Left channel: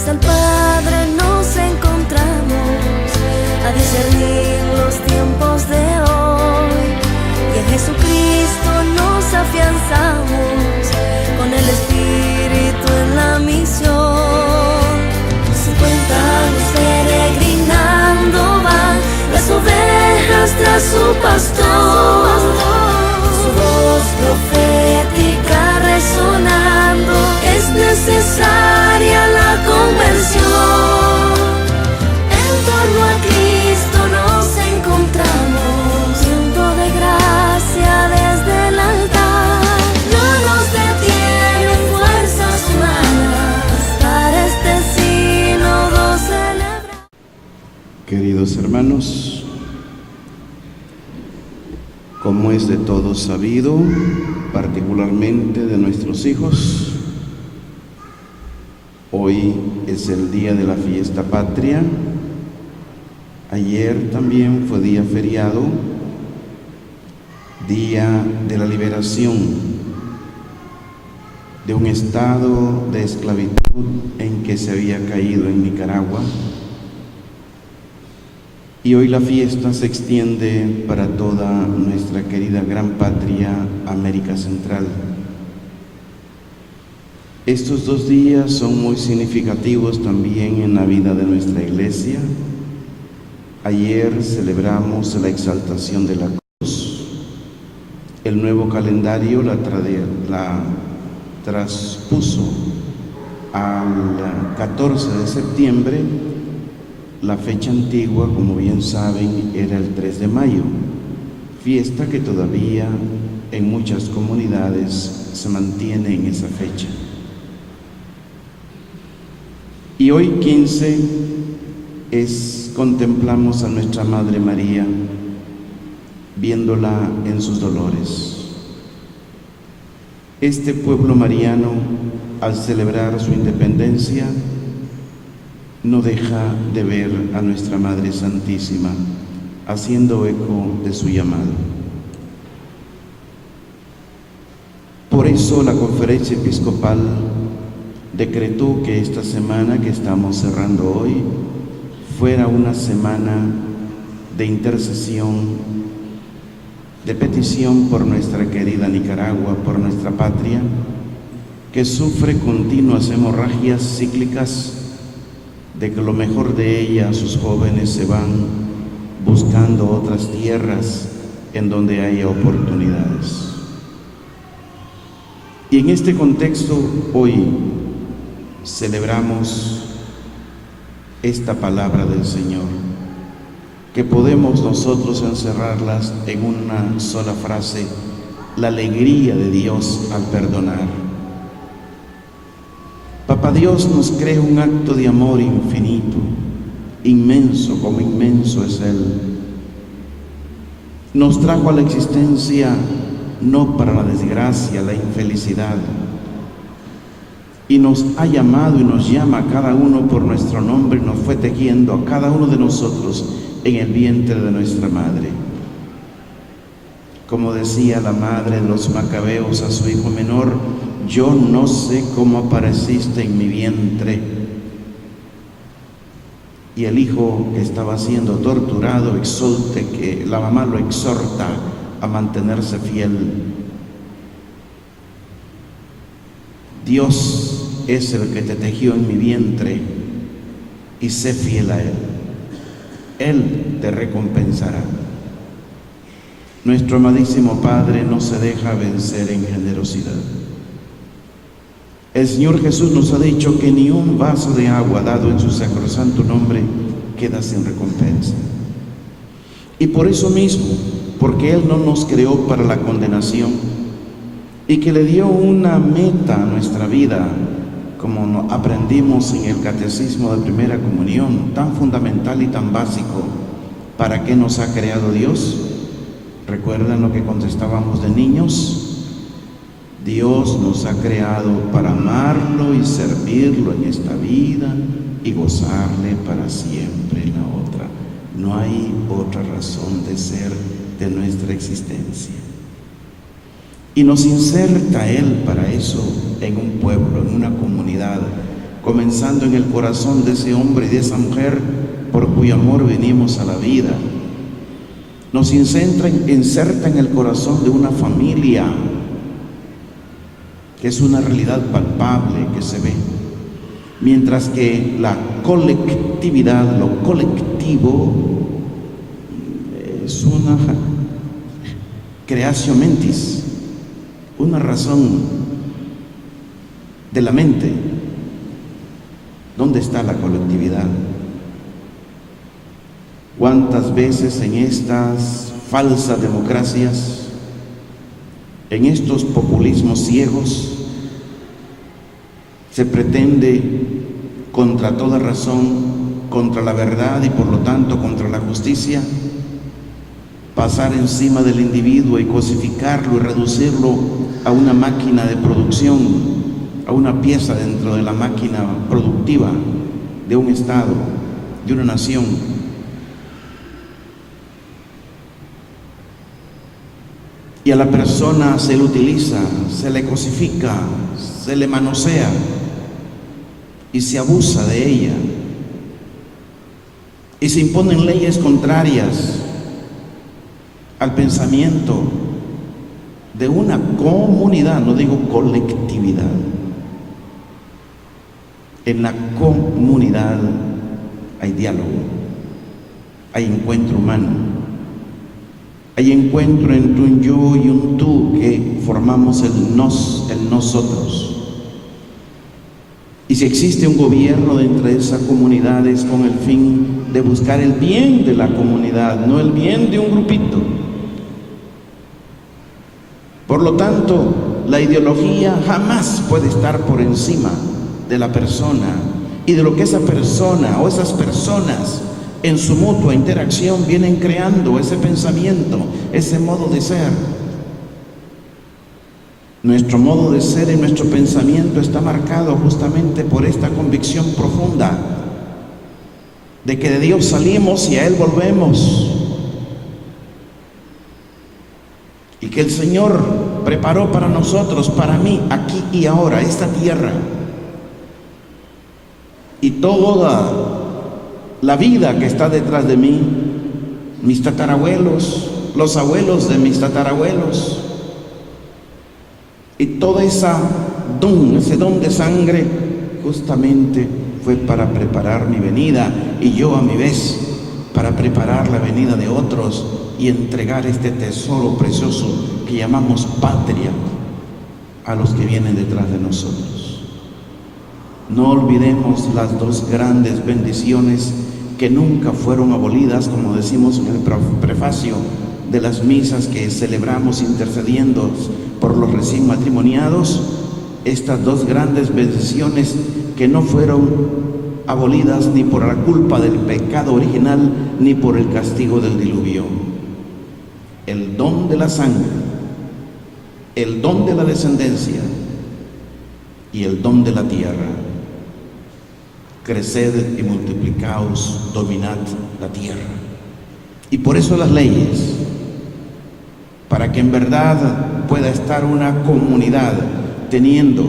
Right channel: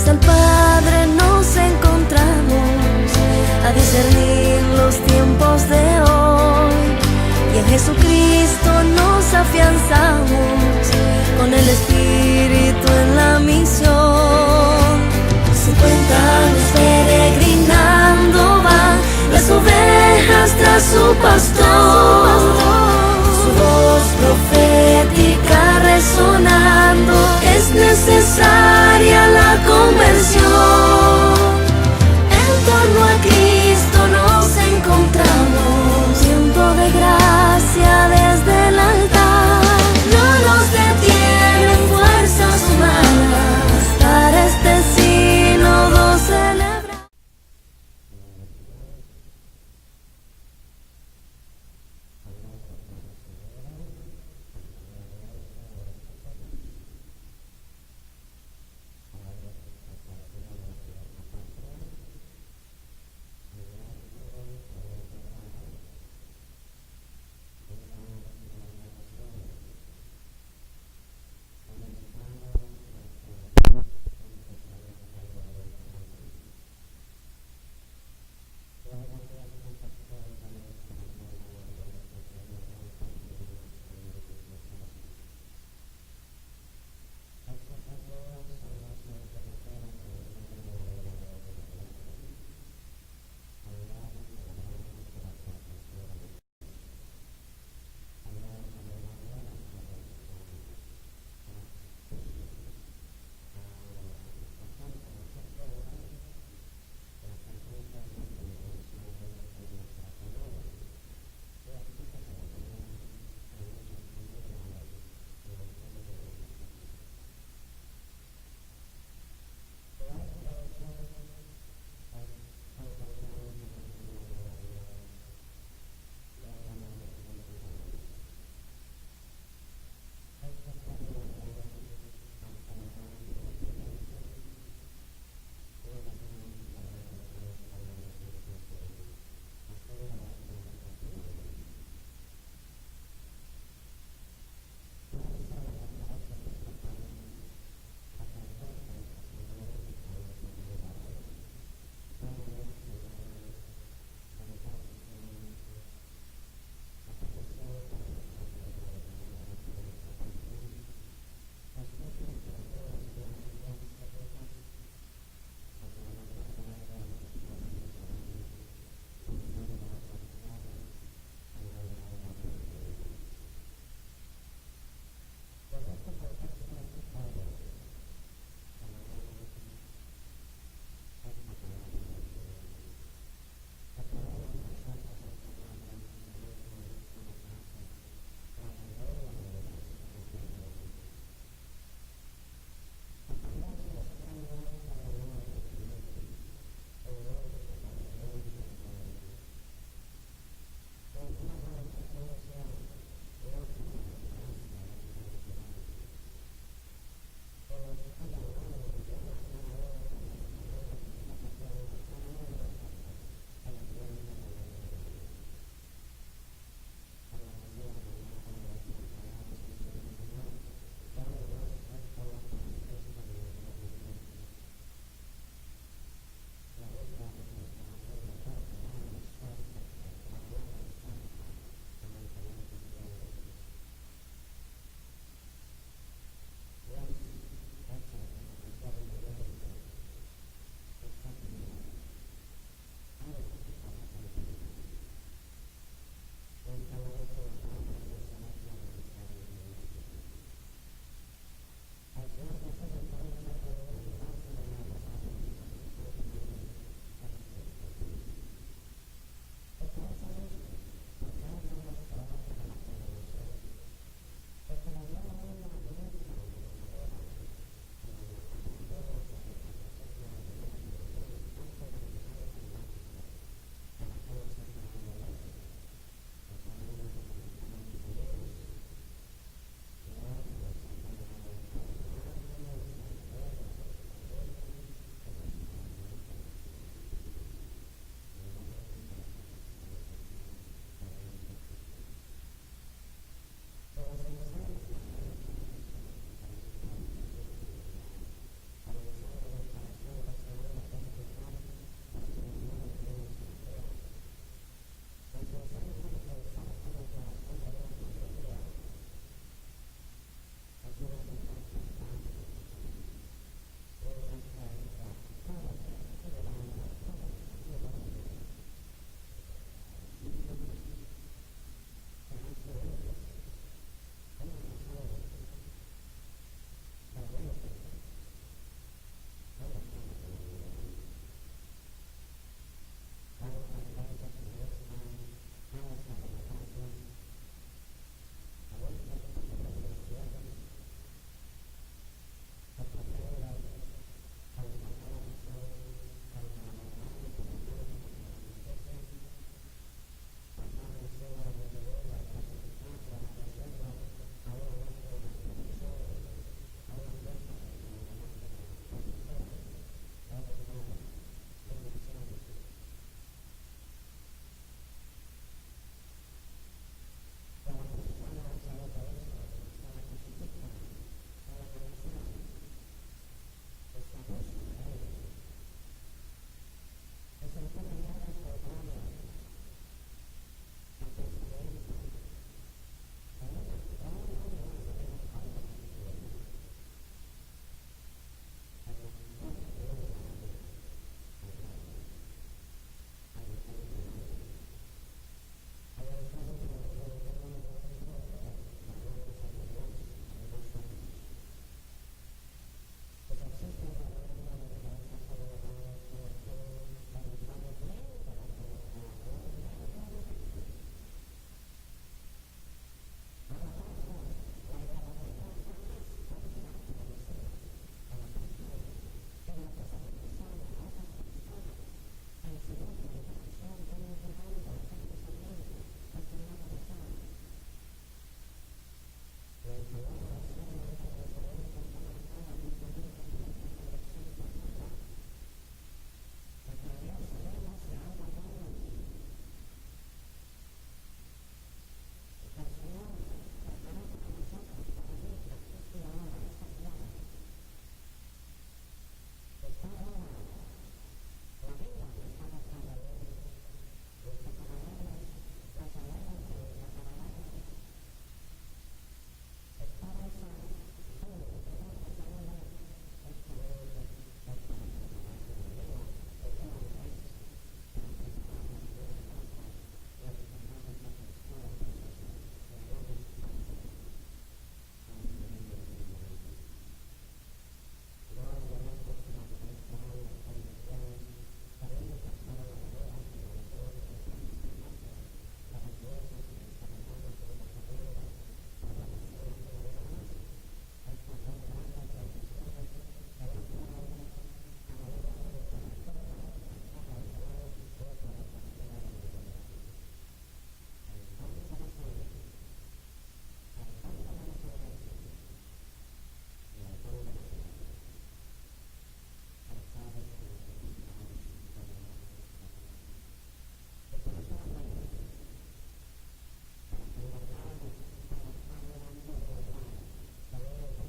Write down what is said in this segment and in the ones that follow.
fieles al Padre nos encontramos a discernir los tiempos de hoy, y en Jesucristo nos afianzamos con el Espíritu en la misión. 50 años peregrinando van las ovejas tras su pastor, su voz profética resonando, es necesaria la conversión. En torno a Cristo nos encontramos, tiempo de gracia desde el altar. No nos detienen fuerzas humanas para este sínodo celebrar. Queridos hermanos, como es de todos sabido, particularmente de nuestros hijos, hoy es el día de la fiesta patria. Ayer también fue día feriado, día de la liberación de un estado de esclavitud en que se había caído en Nicaragua. Y hoy la fiesta se extiende para toda nuestra querida gran patria, América Central. Estos 2 días son muy significativos también en la vida de nuestra iglesia. Ayer celebramos la exaltación de la cruz. El nuevo calendario la traspuso al 14 de septiembre. La fecha antigua, como bien saben, era el 3 de mayo, fiesta que todavía en muchas comunidades se mantiene en esa fecha. Y hoy 15 contemplamos a nuestra Madre María, viéndola en sus dolores. Este pueblo mariano, al celebrar su independencia, no deja de ver a nuestra Madre Santísima, haciendo eco de su llamado. Por eso la Conferencia Episcopal decretó que esta semana que estamos cerrando hoy fuera una semana de intercesión, de petición por nuestra querida Nicaragua, por nuestra patria, que sufre continuas hemorragias cíclicas, de que lo mejor de ella, sus jóvenes se van buscando otras tierras en donde haya oportunidades. Y en este contexto, hoy celebramos esta palabra del Señor, que podemos nosotros encerrarlas en una sola frase: la alegría de Dios al perdonar. Papá Dios nos crea un acto de amor infinito, inmenso como inmenso es Él. Nos trajo a la existencia no para la desgracia, la infelicidad, y nos ha llamado y nos llama a cada uno por nuestro nombre, y nos fue tejiendo a cada uno de nosotros en el vientre de nuestra madre. Como decía la madre de los macabeos a su hijo menor: yo no sé cómo apareciste en mi vientre. Y el hijo que estaba siendo torturado que la mamá lo exhorta a mantenerse fiel. Dios es el que te tejió en mi vientre, y sé fiel a Él. Él te recompensará. Nuestro amadísimo Padre no se deja vencer en generosidad. El Señor Jesús nos ha dicho que ni un vaso de agua dado en su sacrosanto nombre queda sin recompensa. Y por eso mismo, porque Él no nos creó para la condenación, y que le dio una meta a nuestra vida, como aprendimos en el Catecismo de Primera Comunión, tan fundamental y tan básico. ¿Para qué nos ha creado Dios? ¿Recuerdan lo que contestábamos de niños? Dios nos ha creado para amarlo y servirlo en esta vida y gozarle para siempre en la otra. No hay otra razón de ser de nuestra existencia. Y nos inserta Él para eso en un pueblo, en una comunidad, comenzando en el corazón de ese hombre y de esa mujer por cuyo amor venimos a la vida. Nos inserta en el corazón de una familia, que es una realidad palpable que se ve, mientras que la colectividad, lo colectivo, es una creatio mentis, una razón de la mente. ¿Dónde está la colectividad? ¿Cuántas veces en estas falsas democracias, en estos populismos ciegos, se pretende, contra toda razón, contra la verdad y por lo tanto contra la justicia, pasar encima del individuo y cosificarlo y reducirlo a una máquina de producción, a una pieza dentro de la máquina productiva de un Estado, de una nación? Y a la persona se le utiliza, se le cosifica, se le manosea y se abusa de ella. Y se imponen leyes contrarias al pensamiento de una comunidad, no digo colectividad. En la comunidad hay diálogo, hay encuentro humano. Hay encuentro entre un yo y un tú que formamos el nosotros. Y si existe un gobierno dentro de esa comunidad es con el fin de buscar el bien de la comunidad, no el bien de un grupito. Por lo tanto, la ideología jamás puede estar por encima de la persona y de lo que esa persona o esas personas en su mutua interacción vienen creando, ese pensamiento, ese modo de ser. Nuestro modo de ser y nuestro pensamiento está marcado justamente por esta convicción profunda de que de Dios salimos y a Él volvemos, y que el Señor preparó para nosotros, para mí, aquí y ahora, esta tierra y toda la vida que está detrás de mí, mis tatarabuelos, los abuelos de mis tatarabuelos, y toda ese don de sangre, justamente fue para preparar mi venida, y yo a mi vez para preparar la venida de otros y entregar este tesoro precioso que llamamos patria a los que vienen detrás de nosotros. No olvidemos las dos grandes bendiciones que nunca fueron abolidas, como decimos en el prefacio de las misas que celebramos intercediendo por los recién matrimoniados, estas dos grandes bendiciones que no fueron abolidas ni por la culpa del pecado original ni por el castigo del diluvio: el don de la sangre, el don de la descendencia y el don de la tierra. Creced y multiplicaos, dominad la tierra. Y por eso las leyes, para que en verdad pueda estar una comunidad teniendo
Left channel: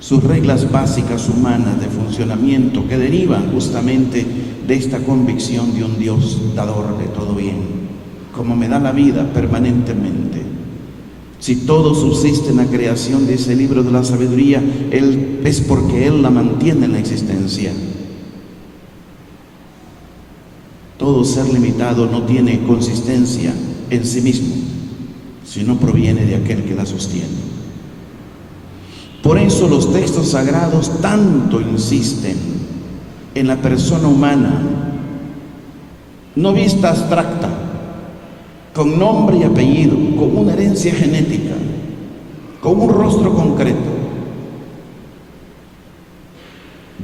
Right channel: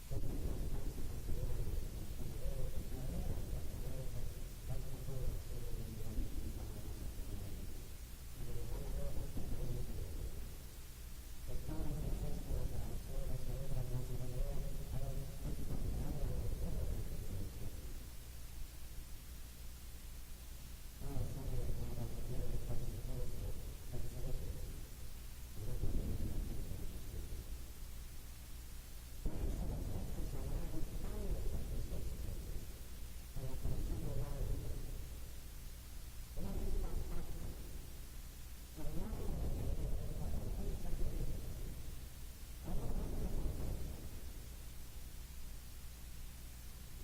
sus reglas básicas humanas de funcionamiento que derivan justamente de esta convicción de un Dios dador de todo bien, como me da la vida permanentemente. Si todo subsiste en la creación, dice el libro de la sabiduría, es porque Él la mantiene en la existencia. Todo ser limitado no tiene consistencia en sí mismo, sino proviene de aquel que la sostiene. Por eso los textos sagrados tanto insisten en la persona humana, no vista abstracta, con nombre y apellido, con una herencia genética, con un rostro concreto.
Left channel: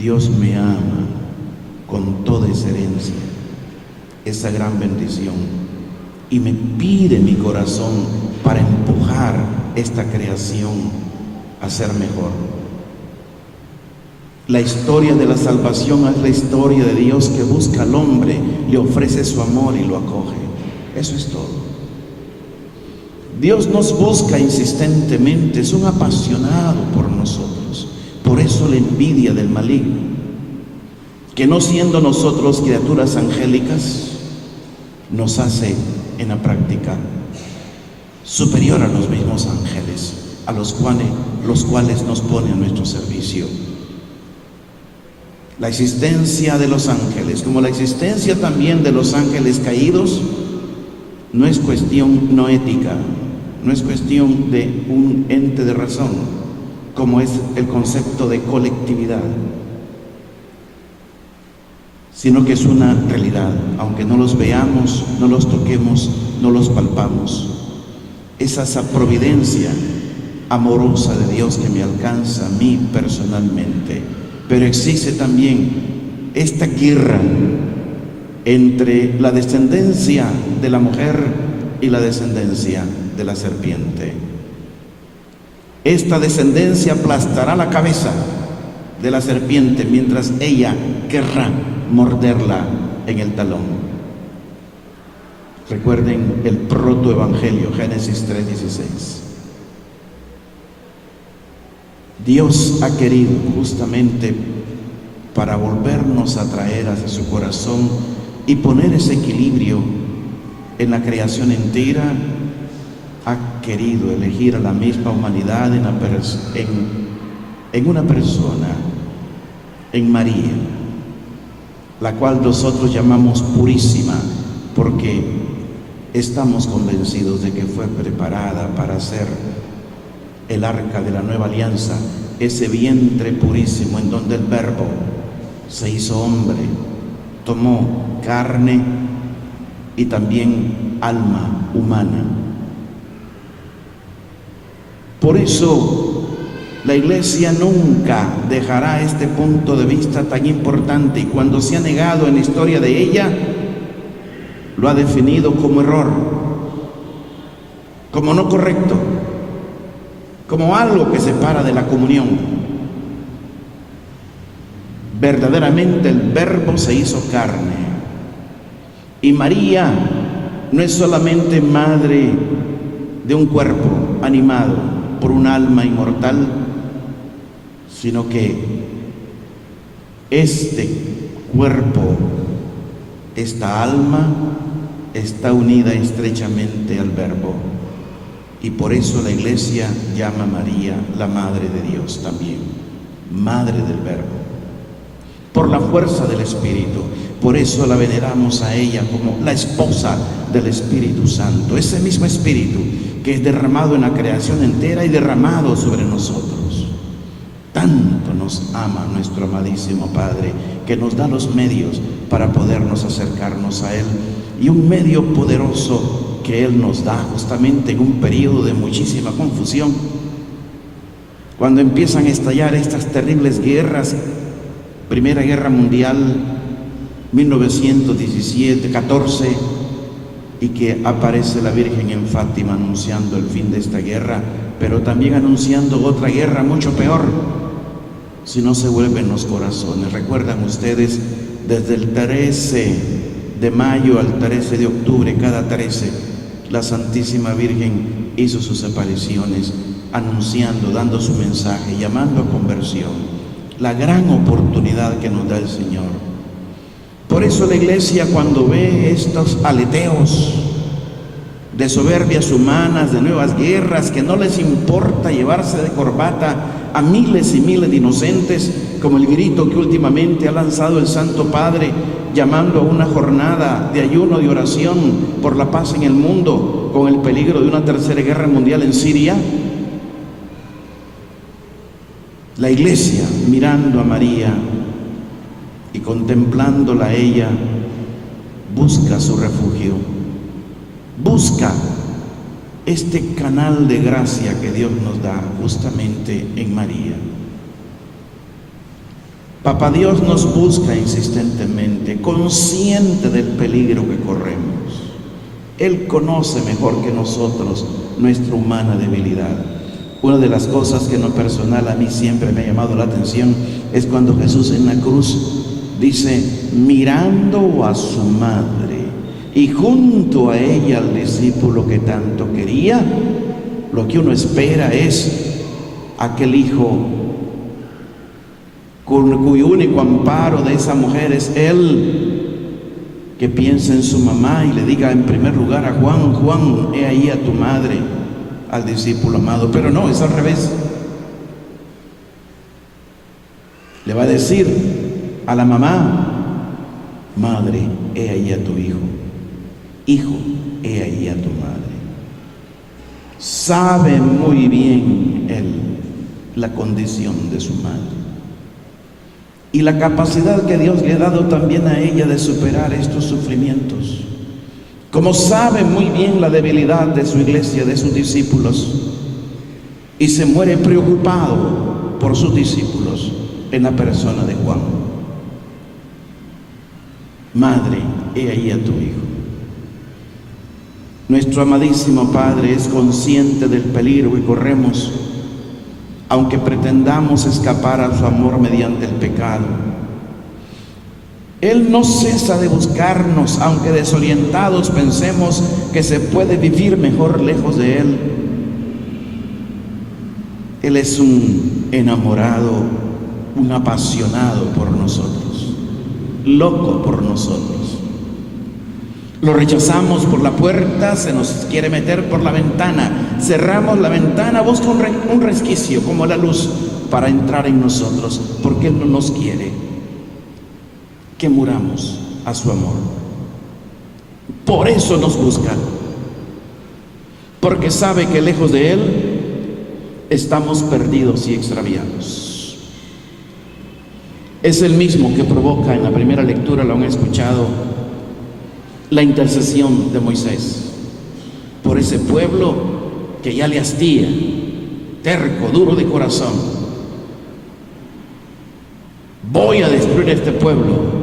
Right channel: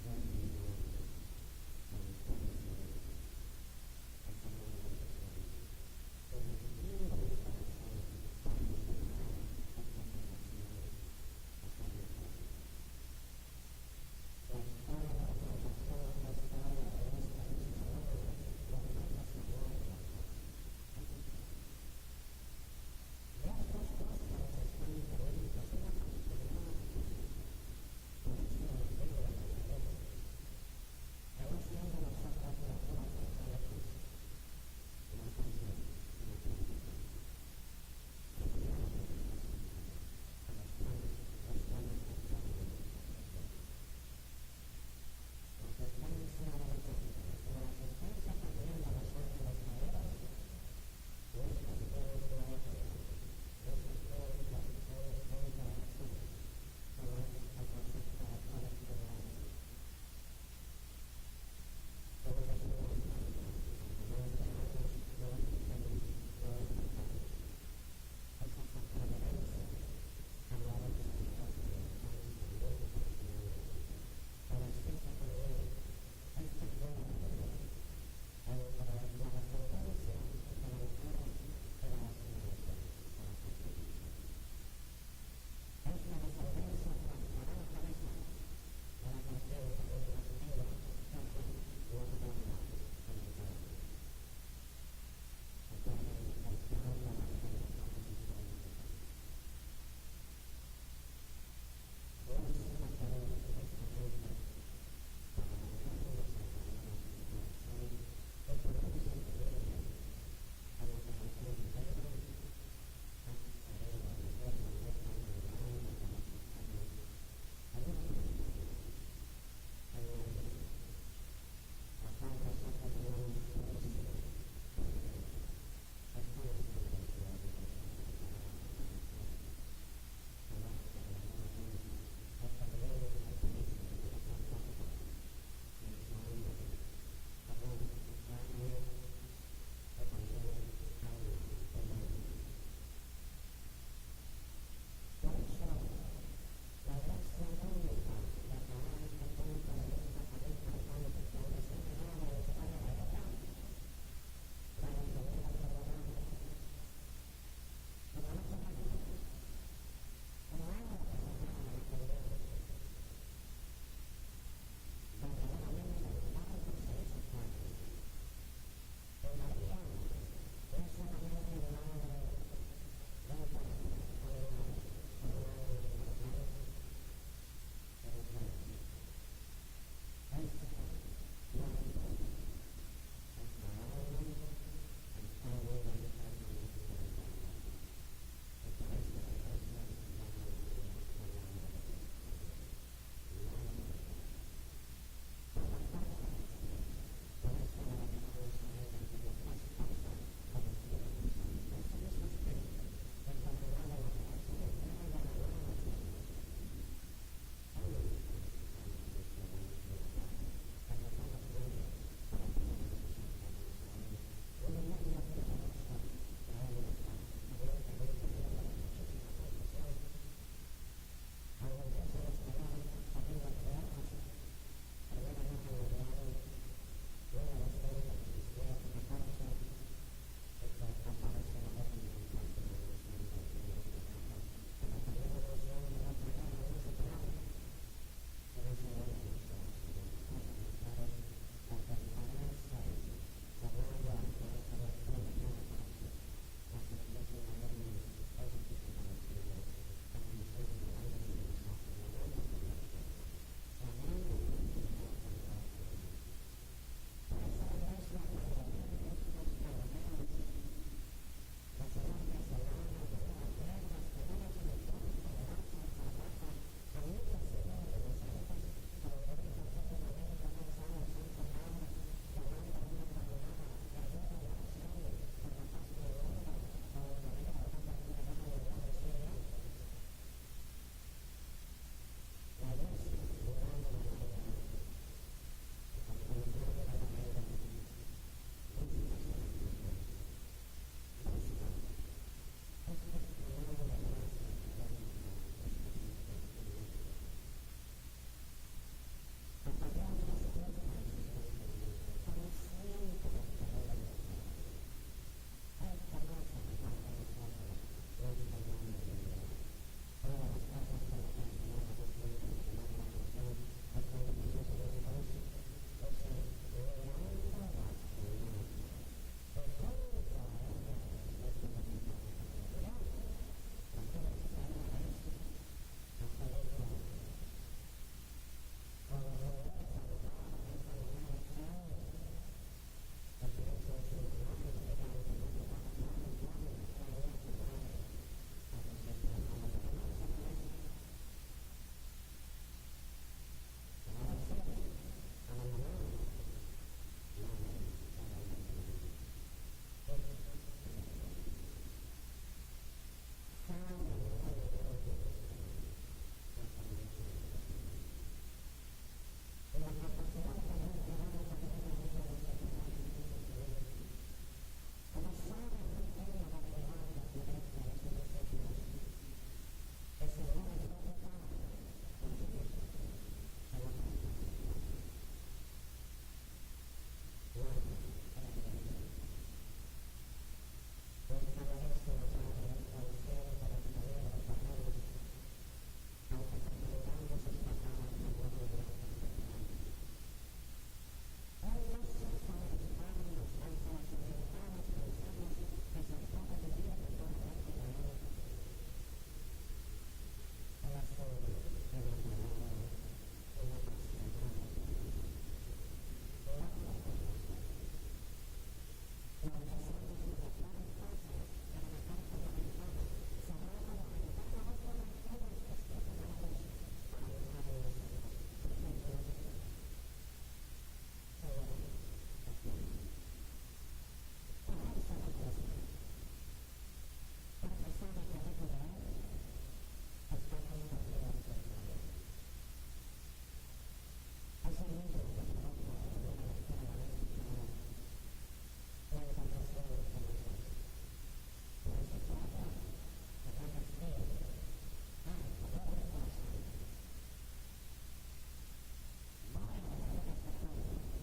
Dios me ama con toda esa herencia, esa gran bendición, y me pide mi corazón para empujar esta creación a ser mejor. La historia de la salvación es la historia de Dios que busca al hombre, le ofrece su amor y lo acoge. Eso es todo. Dios nos busca insistentemente, es un apasionado por nosotros, Por eso la envidia del maligno, que no siendo nosotros criaturas angélicas, nos hace en la práctica superior a los mismos ángeles, a los cuales nos pone a nuestro servicio. La existencia de los ángeles, como la existencia también de los ángeles caídos, no es cuestión no ética, no es cuestión de un ente de razón, como es el concepto de colectividad, sino que es una realidad, aunque no los veamos, no los toquemos, no los palpamos. Es esa providencia amorosa de Dios que me alcanza a mí personalmente. Pero existe también esta guerra entre la descendencia de la mujer y la descendencia de la serpiente. Esta descendencia aplastará la cabeza de la serpiente mientras ella querrá morderla en el talón. Recuerden el protoevangelio, Génesis 3:16. Dios ha querido justamente para volvernos a traer hacia su corazón y poner ese equilibrio en la creación entera, ha querido elegir a la misma humanidad en una persona, en María, la cual nosotros llamamos purísima, porque estamos convencidos de que fue preparada para ser el arca de la nueva alianza, ese vientre purísimo en donde el Verbo se hizo hombre, tomó carne y también alma humana. Por eso la Iglesia nunca dejará este punto de vista tan importante, y cuando se ha negado en la historia de ella, lo ha definido como error, como no correcto, como algo que separa de la comunión. Verdaderamente el Verbo se hizo carne, y María no es solamente madre de un cuerpo animado por un alma inmortal, sino que este cuerpo, esta alma, está unida estrechamente al Verbo. Y por eso la Iglesia llama a María la Madre de Dios también, Madre del Verbo, por la fuerza del Espíritu. Por eso la veneramos a ella como la esposa del Espíritu Santo, ese mismo Espíritu que es derramado en la creación entera y derramado sobre nosotros. Tanto nos ama nuestro amadísimo Padre, que nos da los medios para podernos acercarnos a Él, y un medio poderoso que Él nos da justamente en un periodo de muchísima confusión, cuando empiezan a estallar estas terribles guerras. Primera Guerra Mundial, 1917-14, y que aparece la Virgen en Fátima anunciando el fin de esta guerra, pero también anunciando otra guerra mucho peor, si no se vuelven los corazones. Recuerdan ustedes, desde el 13 de mayo al 13 de octubre, cada 13, la Santísima Virgen hizo sus apariciones, anunciando, dando su mensaje, llamando a conversión, la gran oportunidad que nos da el Señor. Por eso la Iglesia, cuando ve estos aleteos de soberbias humanas, de nuevas guerras, que no les importa llevarse de corbata a miles y miles de inocentes, como el grito que últimamente ha lanzado el Santo Padre, llamando a una jornada de ayuno, de oración por la paz en el mundo, con el peligro de una tercera guerra mundial en Siria. La Iglesia, mirando a María y contemplándola a ella, busca su refugio, busca este canal de gracia que Dios nos da justamente en María. Papá Dios nos busca insistentemente, consciente del peligro que corremos. Él conoce mejor que nosotros nuestra humana debilidad. Una de las cosas que en lo personal a mí siempre me ha llamado la atención es cuando Jesús en la cruz dice, mirando a su madre y junto a ella al discípulo que tanto quería, lo que uno espera es aquel hijo cuyo único amparo de esa mujer es Él, que piensa en su mamá y le diga en primer lugar a Juan: Juan, he ahí a tu madre, al discípulo amado. Pero no, es al revés. Le va a decir a la mamá: madre, he ahí a tu hijo. Hijo, he ahí a tu madre. Sabe muy bien Él la condición de su madre y la capacidad que Dios le ha dado también a ella de superar estos sufrimientos, como sabe muy bien la debilidad de su iglesia, de sus discípulos, y se muere preocupado por sus discípulos en la persona de Juan. Madre, he ahí a tu hijo. Nuestro amadísimo Padre es consciente del peligro que corremos, aunque pretendamos escapar a su amor mediante el pecado. Él no cesa de buscarnos, aunque desorientados pensemos que se puede vivir mejor lejos de Él. Él es un enamorado, un apasionado por nosotros, loco por nosotros. Lo rechazamos por la puerta, se nos quiere meter por la ventana, cerramos la ventana, busca un resquicio como la luz para entrar en nosotros, porque Él no nos quiere que muramos a su amor. Por eso nos busca, porque sabe que lejos de Él estamos perdidos y extraviados. Es el mismo que provoca, en la primera lectura lo han escuchado, la intercesión de Moisés por ese pueblo que ya le hastía, terco, duro de corazón. Voy a destruir este pueblo.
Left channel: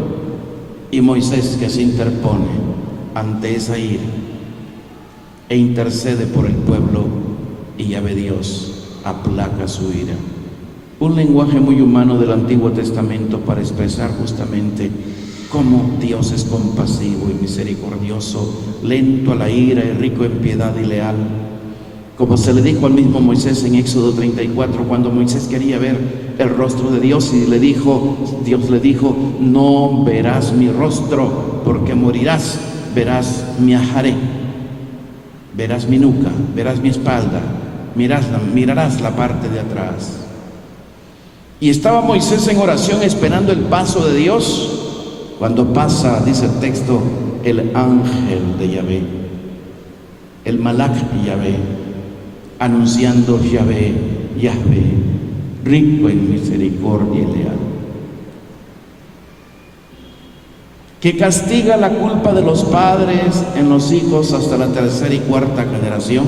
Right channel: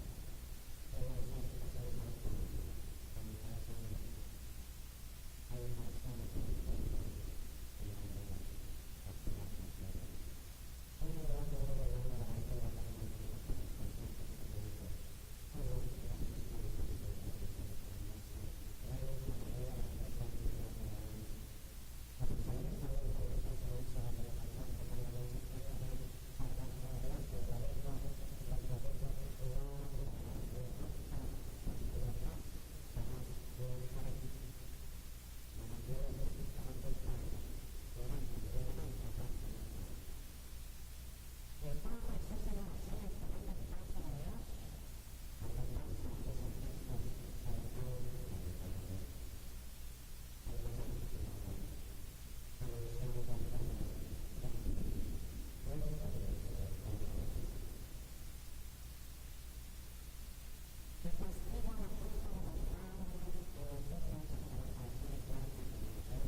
Y Moisés, que se interpone ante esa ira e intercede por el pueblo, y ya ve Dios aplaca su ira. Un lenguaje muy humano del Antiguo Testamento para expresar justamente cómo Dios es compasivo y misericordioso, lento a la ira y rico en piedad y leal. Como se le dijo al mismo Moisés en Éxodo 34, cuando Moisés quería ver el rostro de Dios, y Dios le dijo: no verás mi rostro, porque morirás. Verás mi ajaré, verás mi nuca, verás mi espalda, mirarás la parte de atrás. Y estaba Moisés en oración esperando el paso de Dios, cuando pasa, dice el texto, el ángel de Yahvé, el Malach Yahvé, anunciando Yahvé, rico en misericordia y leal, que castiga la culpa de los padres en los hijos hasta la tercera y cuarta generación.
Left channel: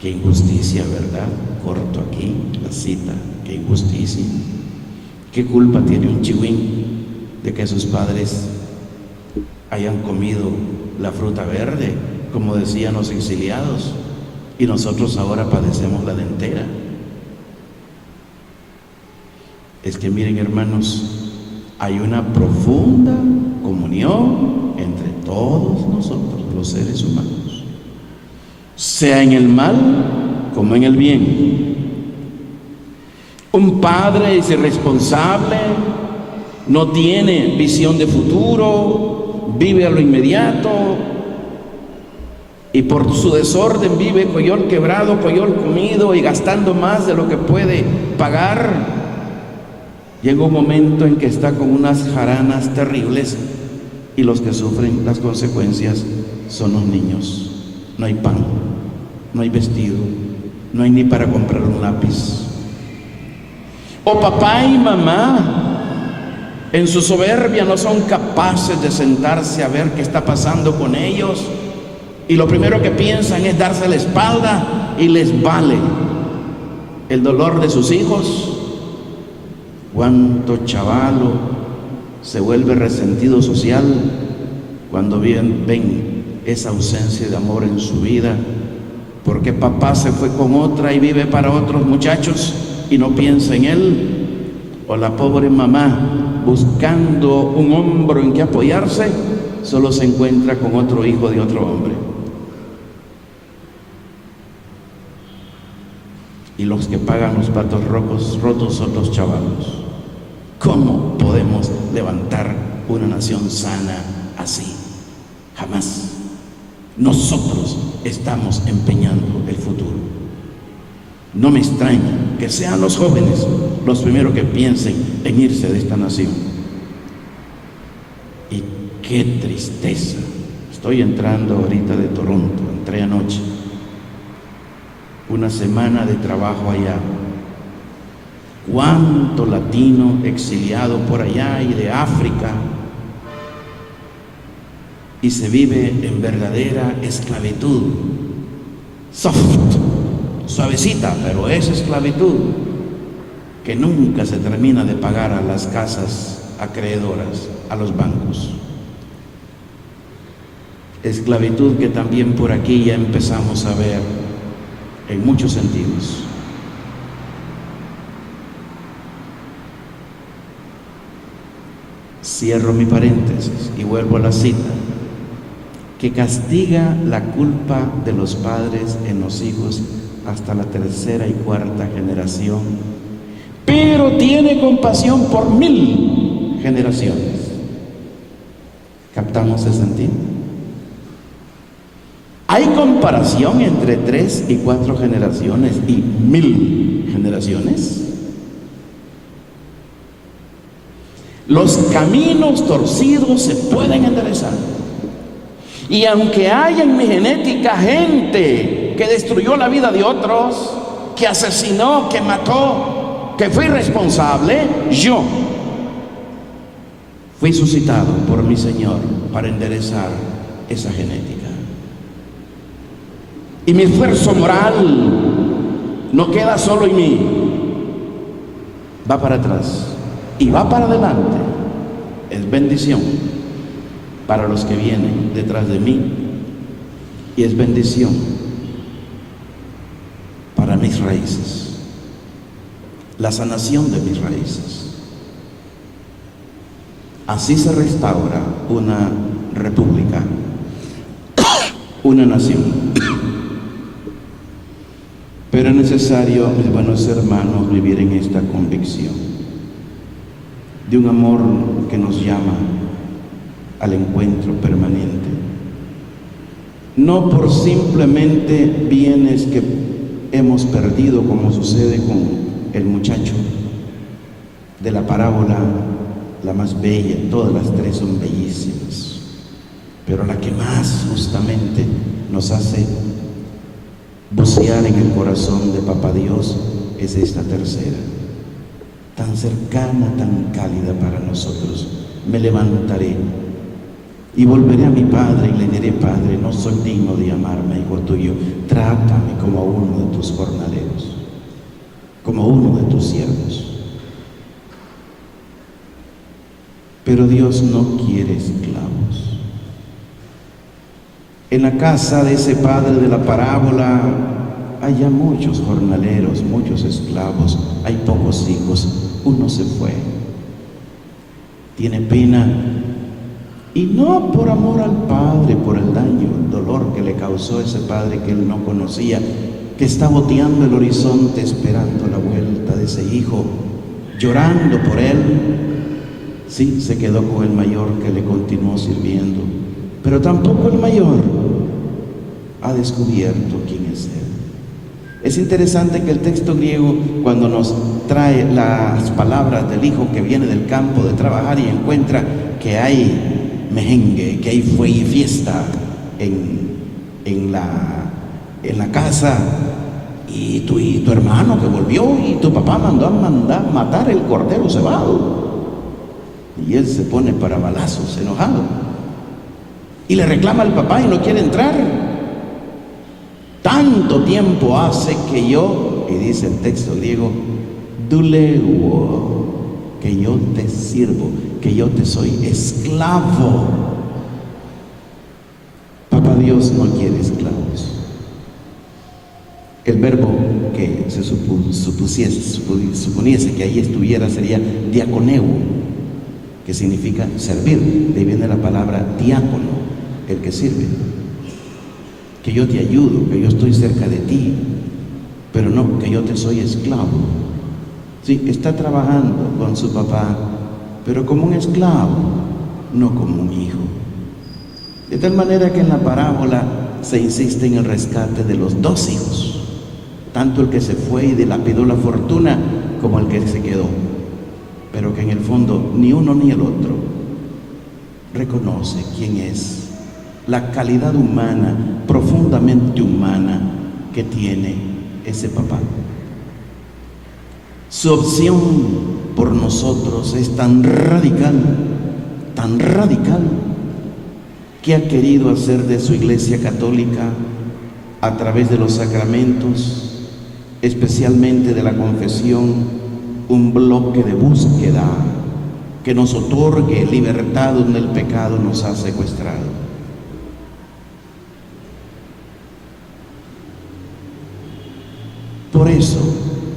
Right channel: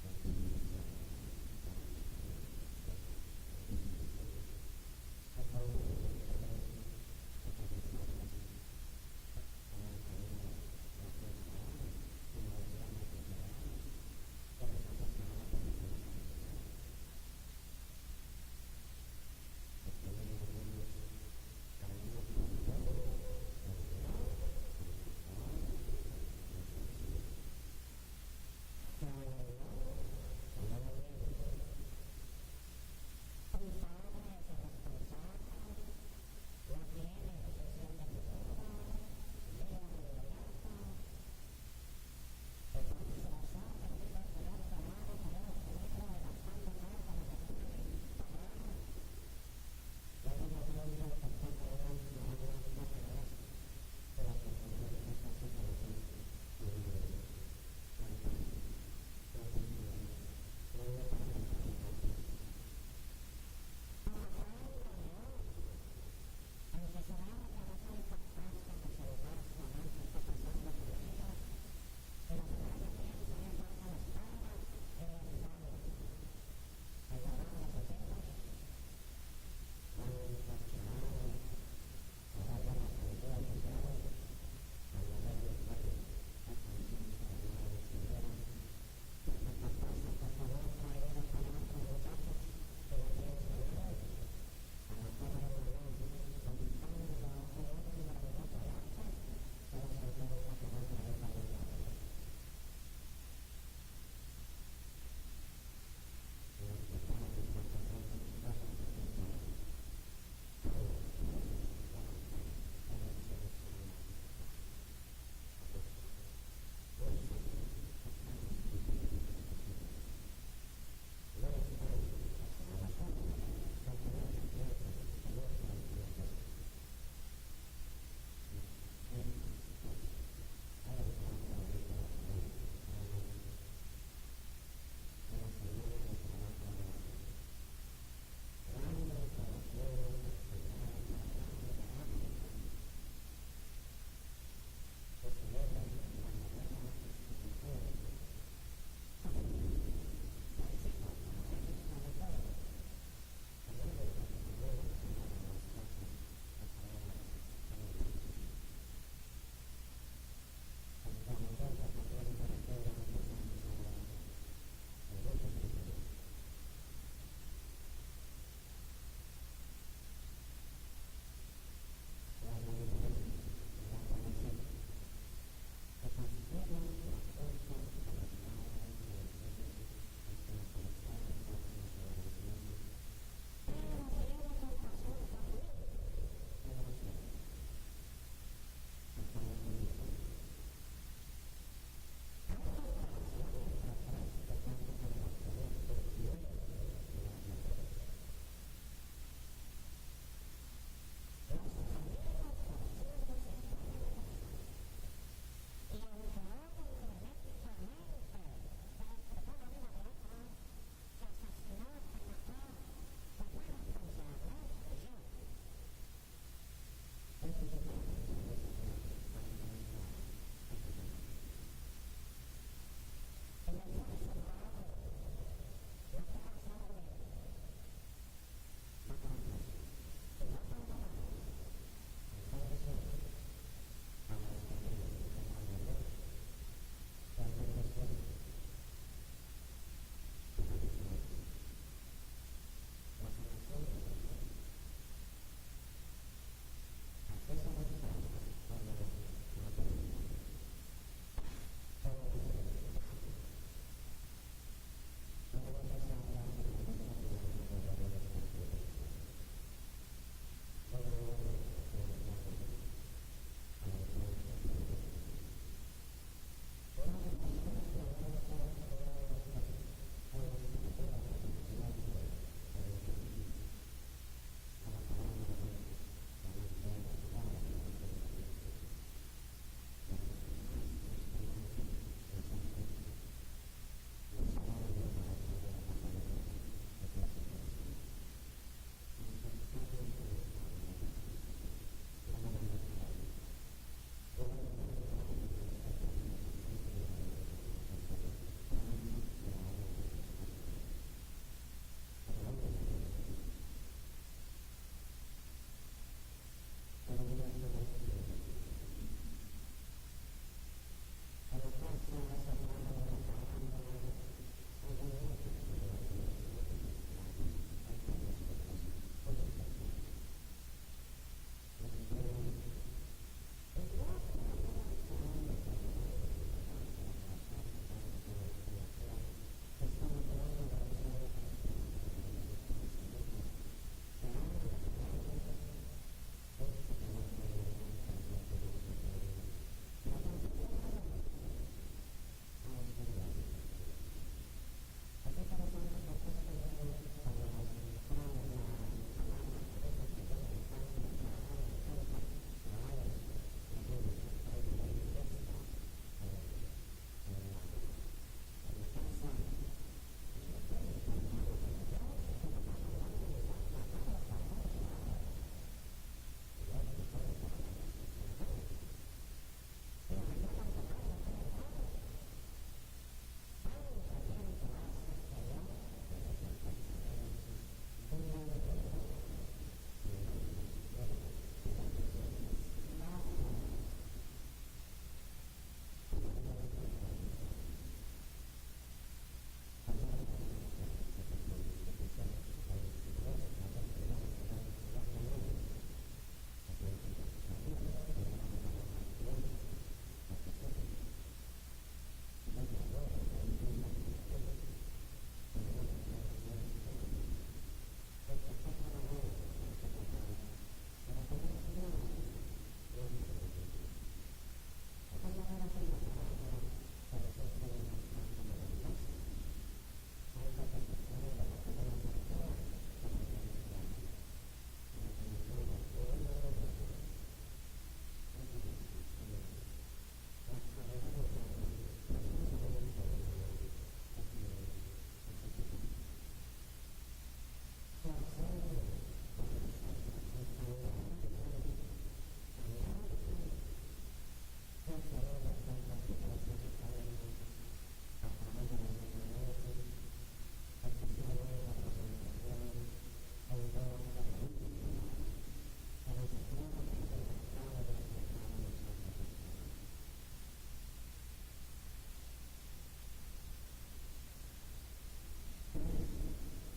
Qué injusticia, ¿verdad? Corto aquí la cita. Qué injusticia. ¿Qué culpa tiene un chihuín de que sus padres hayan comido la fruta verde, como decían los exiliados, y nosotros ahora padecemos la dentera? Es que miren, hermanos, hay una profunda comunión entre todos nosotros, los seres humanos, sea en el mal como en el bien. Un padre es irresponsable, no tiene visión de futuro, vive a lo inmediato, y por su desorden vive coyol quebrado, coyol comido, y gastando más de lo que puede pagar. Llega un momento en que está con unas jaranas terribles, y los que sufren las consecuencias son los niños. No hay pan, no hay vestido, no hay ni para comprar un lápiz. O papá y mamá, en su soberbia, no son capaces de sentarse a ver qué está pasando con ellos, y lo primero que piensan es darse la espalda, y les vale el dolor de sus hijos. Cuánto chavalo se vuelve resentido social cuando ven esa ausencia de amor en su vida, porque papá se fue con otra y vive para otros muchachos y no piensa en él. O la pobre mamá, buscando un hombro en que apoyarse, solo se encuentra con otro hijo de otro hombre. y los que pagan los platos rotos son los chavalos. ¿Cómo podemos levantar una nación sana así? Jamás. Nosotros estamos empeñando el futuro. No me extraña que sean los jóvenes los primeros que piensen en irse de esta nación. Y qué tristeza. Estoy entrando ahorita de Toronto, entré anoche. Una semana de trabajo allá. Cuánto latino exiliado por allá y de África, y se vive en verdadera esclavitud. Soft, suavecita, pero es esclavitud que nunca se termina de pagar a las casas acreedoras, a los bancos. Esclavitud que también por aquí ya empezamos a ver en muchos sentidos. Cierro mi paréntesis y vuelvo a la cita, que castiga la culpa de los padres en los hijos hasta la tercera y cuarta generación, pero tiene compasión por 1000 generaciones. ¿Captamos el sentido? Hay comparación entre 3 y 4 generaciones y 1000 generaciones. Los caminos torcidos se pueden enderezar. Y aunque haya en mi genética gente que destruyó la vida de otros, que asesinó, que mató, que fue irresponsable, yo fui suscitado por mi Señor para enderezar esa genética. Y mi esfuerzo moral no queda solo en mí, va para atrás y va para adelante. Es bendición para los que vienen detrás de mí y es bendición para mis raíces, la sanación de mis raíces. Así se restaura una república, una nación. Pero es necesario, mis buenos hermanos, vivir en esta convicción de un amor que nos llama al encuentro permanente, no por simplemente bienes que hemos perdido, como sucede con el muchacho de la parábola, la más bella. Todas las tres son bellísimas, pero la que más justamente nos hace bucear en el corazón de Papá Dios es esta tercera, tan cercana, tan cálida para nosotros. Me levantaré y volveré a mi Padre y le diré: Padre, no soy digno de llamarme hijo tuyo, trátame como a uno de tus jornaleros, como a uno de tus siervos. Pero Dios no quiere esclavos. En la casa de ese padre de la parábola hay ya muchos jornaleros, muchos esclavos, hay pocos hijos. Uno se fue, tiene pena, y no por amor al padre, por el daño, el dolor que le causó ese padre que él no conocía, que está boteando el horizonte esperando la vuelta de ese hijo, llorando por él. Sí, se quedó con el mayor que le continuó sirviendo, pero tampoco el mayor ha descubierto quién es él. Es interesante que el texto griego, cuando nos trae las palabras del hijo que viene del campo de trabajar y encuentra que hay mejengue, que hay fiesta en la casa, y tu hermano que volvió, y tu papá mandó a matar el cordero cebado, y él se pone para balazos, enojado, y le reclama al papá y no quiere entrar. Tanto tiempo hace que yo, y dice el texto griego, duleuo, que yo te sirvo, que yo te soy esclavo. Papá Dios no quiere esclavos. El verbo que se suponiese que ahí estuviera sería diaconeo, que significa servir. De ahí viene la palabra diácono, el que sirve. Que yo te ayudo, que yo estoy cerca de ti, pero no que yo yo te soy esclavo. Sí, está trabajando con su papá, pero como un esclavo, no como un hijo. De tal manera que en la parábola se insiste en el rescate de los dos hijos, tanto el que se fue y dilapidó la fortuna como el que se quedó, pero que en el fondo ni uno ni el otro reconoce quién es, la calidad humana, profundamente humana, que tiene ese papá. Su opción por nosotros es tan radical, que ha querido hacer de su Iglesia Católica, a través de los sacramentos, especialmente de la confesión, un bloque de búsqueda que nos otorgue libertad donde el pecado nos ha secuestrado. Por eso,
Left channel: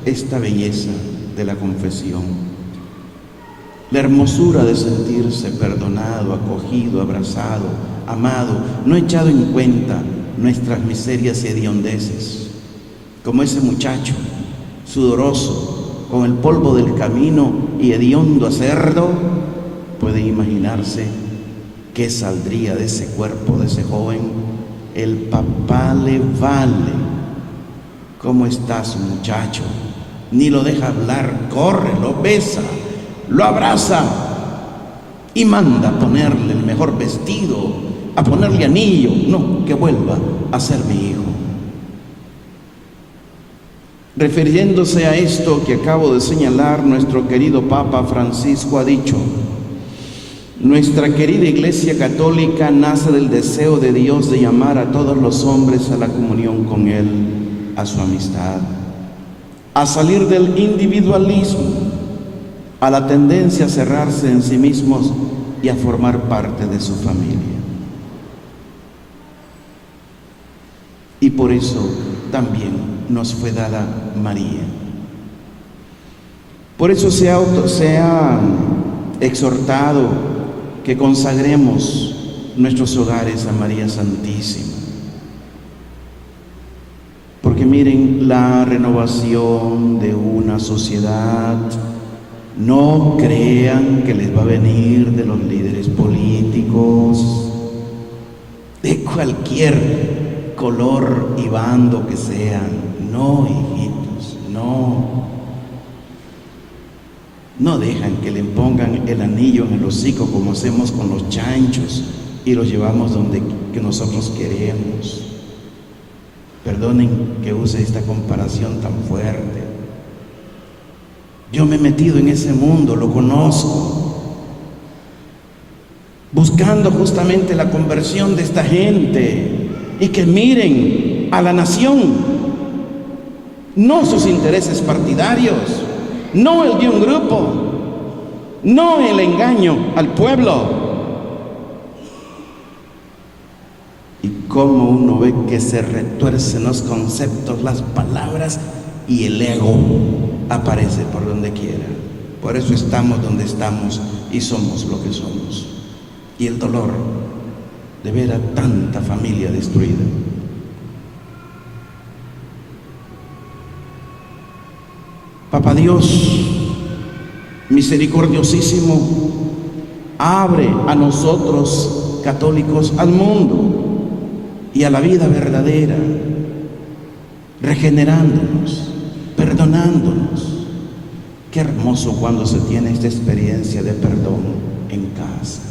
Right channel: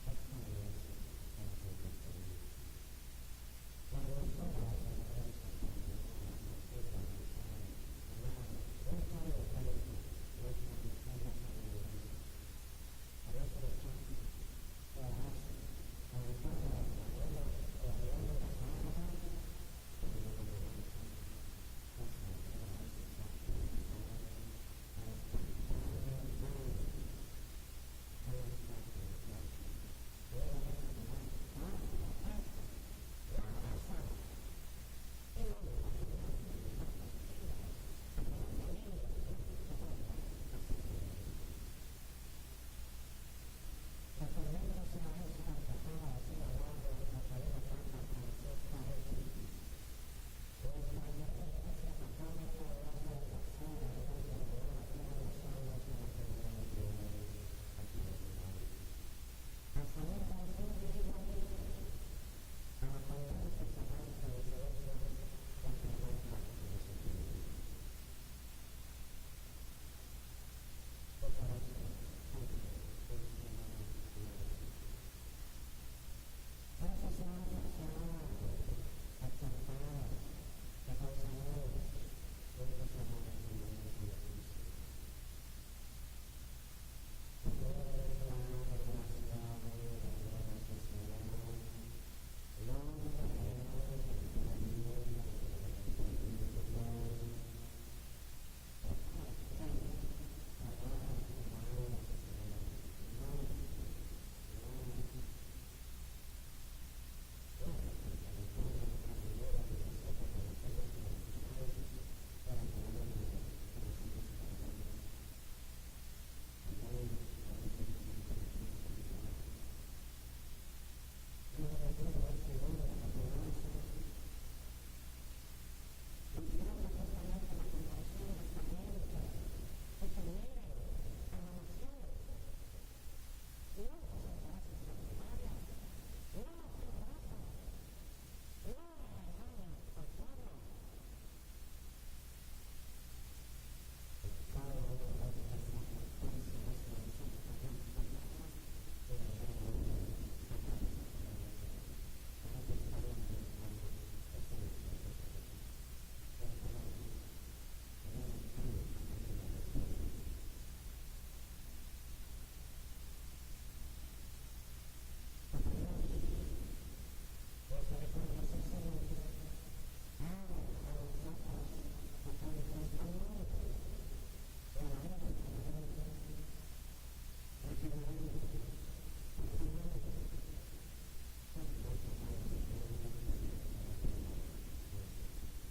esta belleza de la confesión, la hermosura de sentirse perdonado, acogido, abrazado, amado, no echado en cuenta nuestras miserias y hediondeces, como ese muchacho sudoroso, con el polvo del camino y hediondo a cerdo. Puede imaginarse qué saldría de ese cuerpo, de ese joven. El papá le vale. ¿Cómo estás, muchacho? Ni lo deja hablar, corre, lo besa, lo abraza y manda a ponerle el mejor vestido, a ponerle anillo. No, que vuelva a ser mi hijo. Refiriéndose a esto que acabo de señalar, nuestro querido Papa Francisco ha dicho: nuestra querida Iglesia Católica nace del deseo de Dios de llamar a todos los hombres a la comunión con Él, a su amistad, a salir del individualismo, a la tendencia a cerrarse en sí mismos y a formar parte de su familia. Y por eso también nos fue dada María. Por eso se ha exhortado que consagremos nuestros hogares a María Santísima. Porque miren, la renovación de una sociedad, no crean que les va a venir de los líderes políticos, de cualquier color y bando que sean. No, hijitos, no. No dejan que le pongan el anillo en el hocico como hacemos con los chanchos y los llevamos donde que nosotros queremos. Perdonen que use esta comparación tan fuerte. Yo me he metido en ese mundo, lo conozco, buscando justamente la conversión de esta gente y que miren a la nación, no sus intereses partidarios, no el de un grupo, no el engaño al pueblo. Cómo uno ve que se retuercen los conceptos, las palabras, y el ego aparece por donde quiera. Por eso estamos donde estamos y somos lo que somos. Y el dolor de ver a tanta familia destruida. Papá Dios, misericordiosísimo, abre a nosotros católicos al mundo y a la vida verdadera, regenerándonos, perdonándonos. Qué hermoso cuando se tiene esta experiencia de perdón en casa.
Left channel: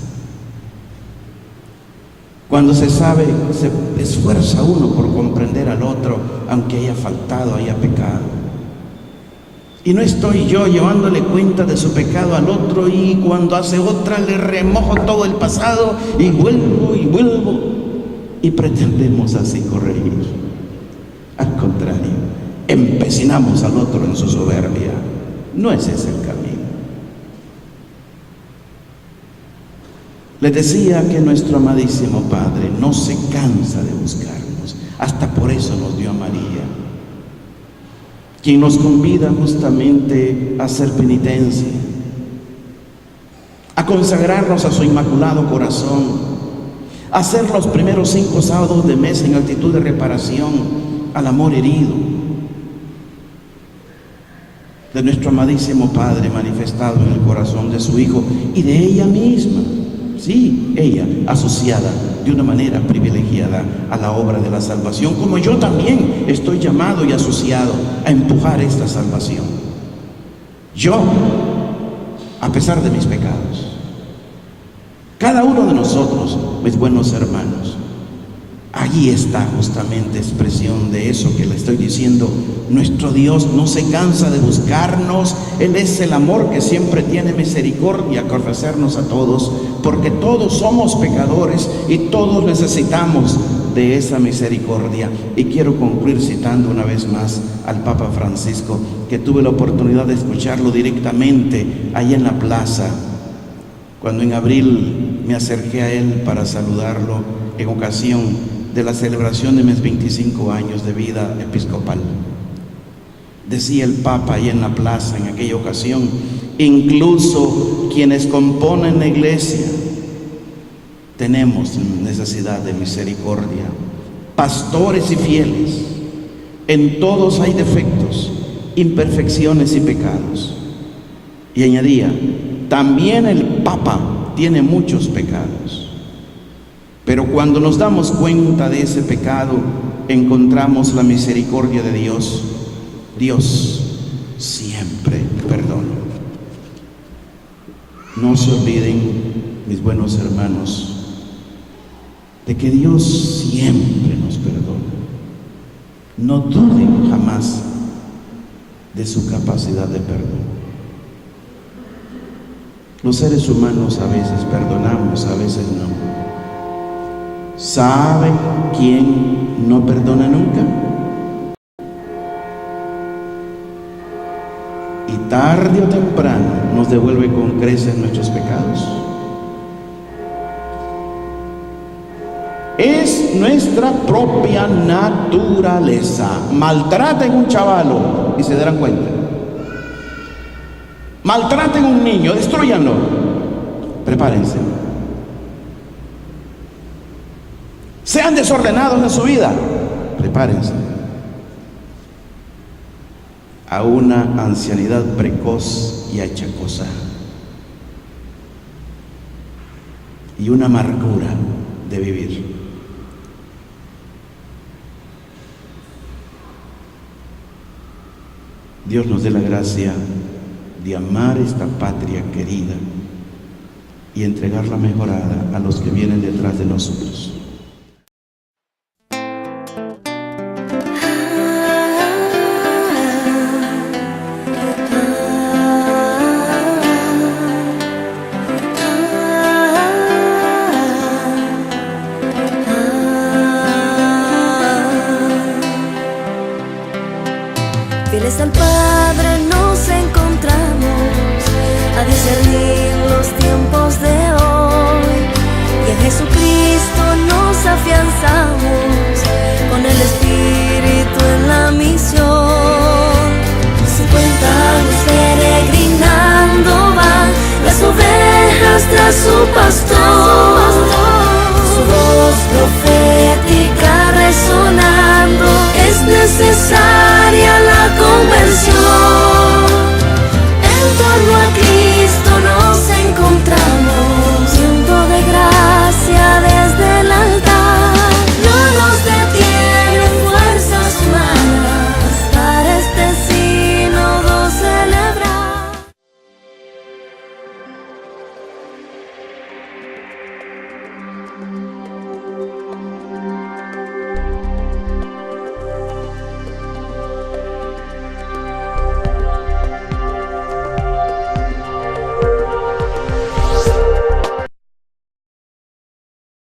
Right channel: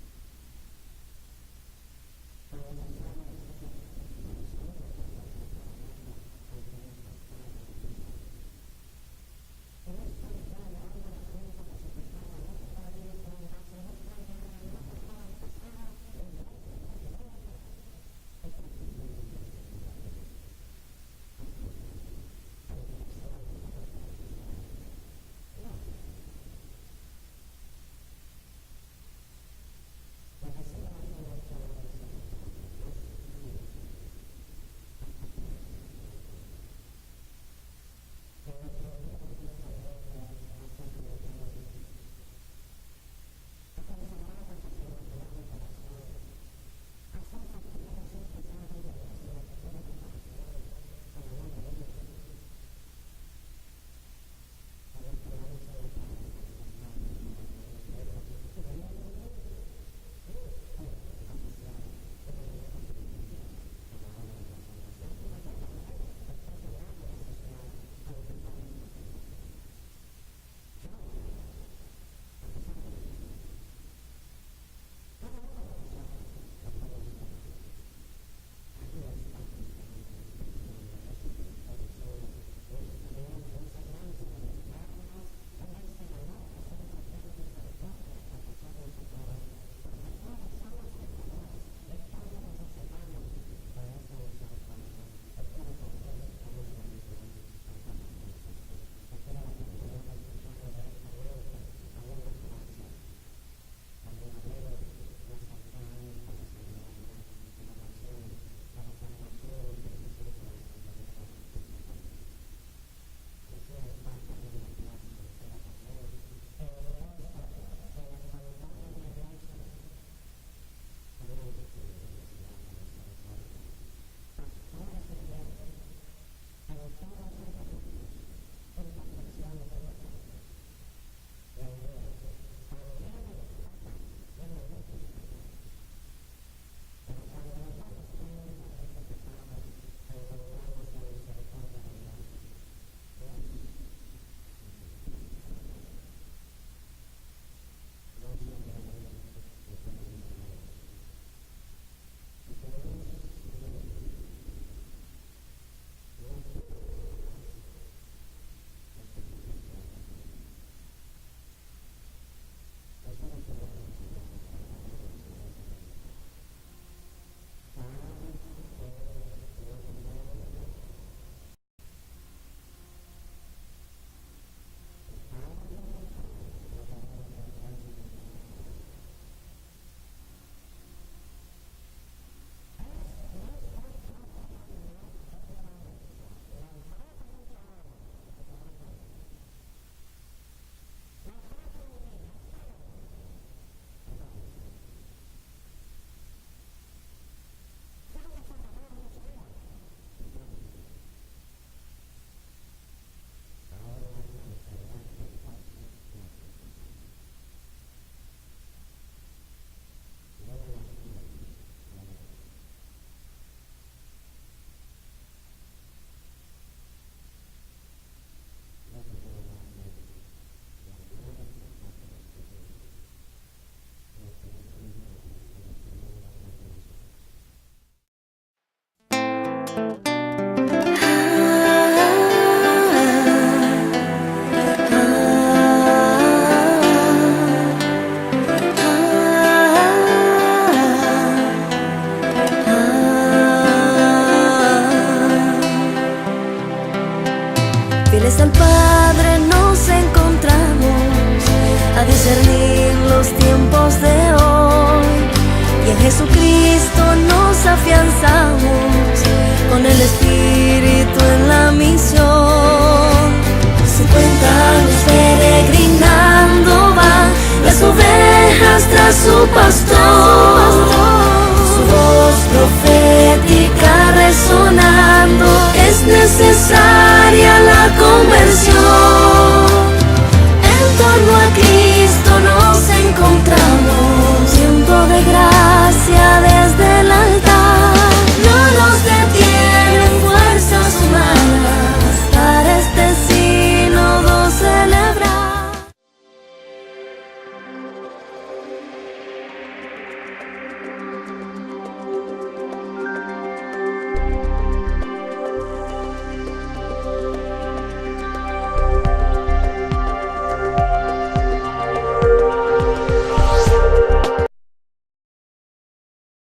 Cuando se sabe, se esfuerza uno por comprender al otro, aunque haya faltado, haya pecado. Y no estoy yo llevándole cuenta de su pecado al otro y cuando hace otra le remojo todo el pasado y vuelvo. Y pretendemos así corregir. Al contrario, empecinamos al otro en su soberbia. No es ese el camino. Les decía que nuestro amadísimo Padre no se cansa de buscarnos. Hasta por eso nos dio a María, quien nos convida justamente a hacer penitencia, a consagrarnos a su inmaculado corazón, hacer los primeros 5 sábados de mes en actitud de reparación al amor herido. de nuestro amadísimo Padre manifestado en el corazón de su Hijo y de ella misma. Sí, ella asociada de una manera privilegiada a la obra de la salvación, como yo también estoy llamado y asociado a empujar esta salvación. Yo, a pesar de mis pecados, cada uno de nosotros, mis buenos hermanos, allí está justamente expresión de eso que le estoy diciendo. Nuestro Dios no se cansa de buscarnos. Él es el amor que siempre tiene misericordia con ofrecernos a todos, porque todos somos pecadores y todos necesitamos de esa misericordia. Y quiero concluir citando una vez más al Papa Francisco, que tuve la oportunidad de escucharlo directamente ahí en la plaza, cuando en abril me acerqué a él para saludarlo en ocasión de la celebración de mis 25 años de vida episcopal. Decía el Papa ahí en la plaza en aquella ocasión: incluso quienes componen la iglesia tenemos necesidad de misericordia, pastores y fieles. En todos hay defectos, imperfecciones y pecados. Y añadía: también el Papa tiene muchos pecados. Pero cuando nos damos cuenta de ese pecado, encontramos la misericordia de Dios. Dios siempre perdona. No se olviden, mis buenos hermanos, de que Dios siempre nos perdona. No duden jamás de su capacidad de perdón. Los seres humanos a veces perdonamos, a veces no. ¿Saben quién no perdona nunca? Y tarde o temprano nos devuelve con creces nuestros pecados. Es nuestra propia naturaleza. Maltraten un chavalo y se darán cuenta. Maltraten un niño, destruyanlo. Prepárense. Sean desordenados en su vida, prepárense a una ancianidad precoz y achacosa y una amargura de vivir. Dios nos dé la gracia de amar esta patria querida y entregarla mejorada a los que vienen detrás de nosotros. Fieles al Padre nos encontramos a discernir los tiempos de hoy, y en Jesucristo nos afianzamos con el Espíritu en la misión. 50 años peregrinando van las ovejas tras su pastor, su voz profética resonando es necesaria